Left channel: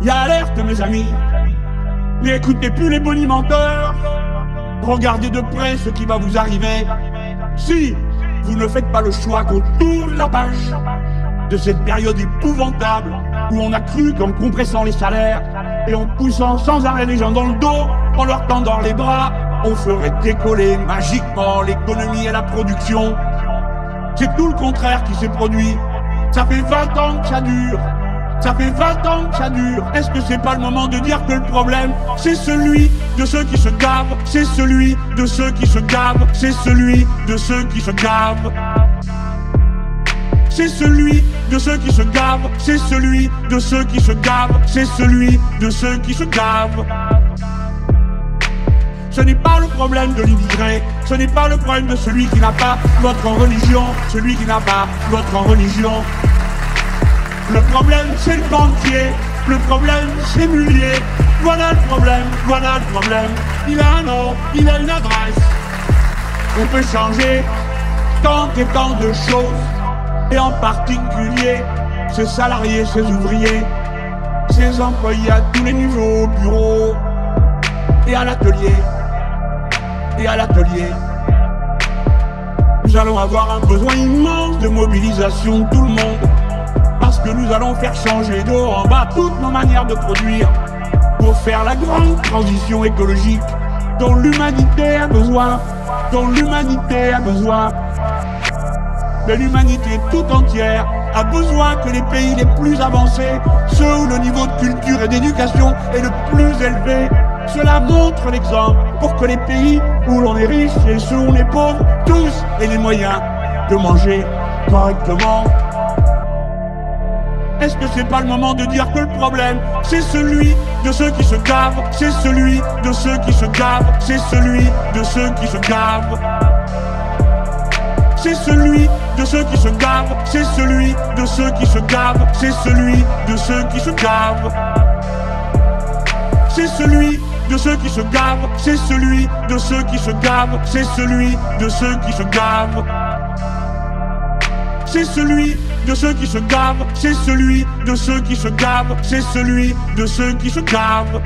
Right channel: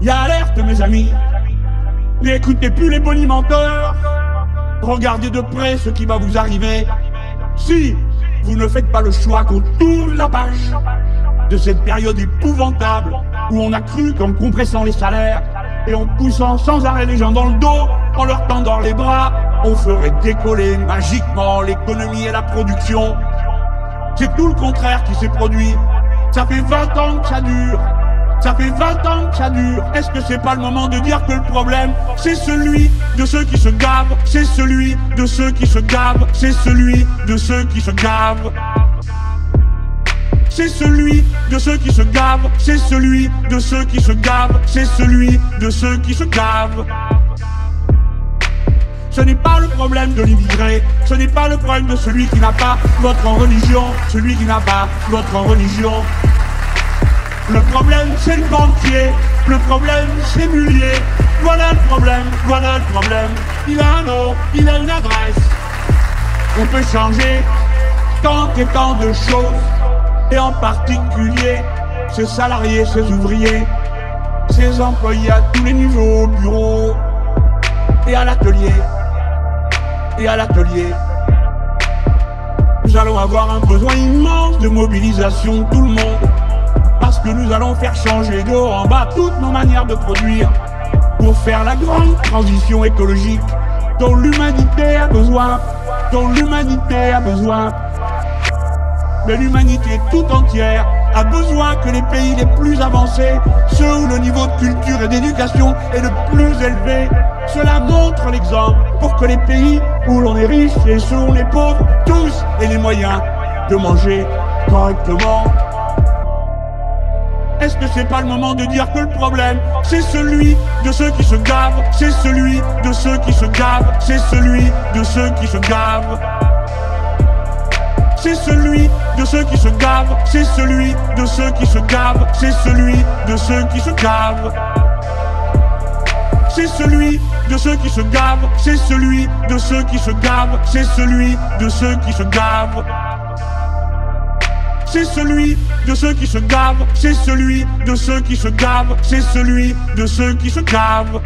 Y a alerte, mes amis. N'écoutez plus les bonimenteurs. Regardez de près ce qui va vous arriver. Si vous ne faites pas le choix qu'on tourne la page de cette période épouvantable où on a cru qu'en compressant les salaires et en poussant sans arrêt les gens dans le dos, en leur tendant les bras, on ferait décoller magiquement l'économie et la production. C'est tout le contraire qui s'est produit. Ça fait 20 ans que ça dure. Ça fait 20 ans que ça dure. Est-ce que c'est pas le moment de dire que le problème, c'est celui de ceux qui se gavent, c'est celui de ceux qui se gavent, c'est celui de ceux qui se gavent. C'est celui de ceux qui se gavent, c'est celui de ceux qui se gavent, c'est celui de ceux qui se gavent. Ce n'est pas le problème de l'immigré, ce n'est pas le problème de celui qui n'a pas votre religion, celui qui n'a pas votre religion. Le problème, c'est le banquier, le problème, c'est Mullier. Voilà le problème, voilà le problème. Il a un nom, il a une adresse. On peut changer tant et tant de choses, et en particulier ses salariés, ses ouvriers, ses employés à tous les niveaux, au bureau et à l'atelier. Et à l'atelier. Nous allons avoir un besoin immense de mobilisation de tout le monde. Parce que nous allons faire changer de haut en bas toutes nos manières de produire pour faire la grande transition écologique dont l'humanité a besoin, dont l'humanité a besoin. Mais l'humanité tout entière a besoin que les pays les plus avancés, ceux où le niveau de culture et d'éducation est le plus élevé, cela montre l'exemple pour que les pays où l'on est riche et ceux où on est pauvre, tous aient les moyens de manger correctement. Est-ce que c'est pas le moment de dire que le problème, c'est celui de ceux qui se gavent, c'est celui de ceux qui se gavent, c'est celui de ceux qui se gavent. C'est celui de ceux qui se gavent, c'est celui de ceux qui se gavent, c'est celui de ceux qui se gavent. C'est celui de ceux qui se gavent, c'est celui de ceux qui se gavent, c'est celui de ceux qui se gavent. C'est celui de ceux qui se gavent, c'est celui de ceux qui se gavent, c'est celui de ceux qui se gavent.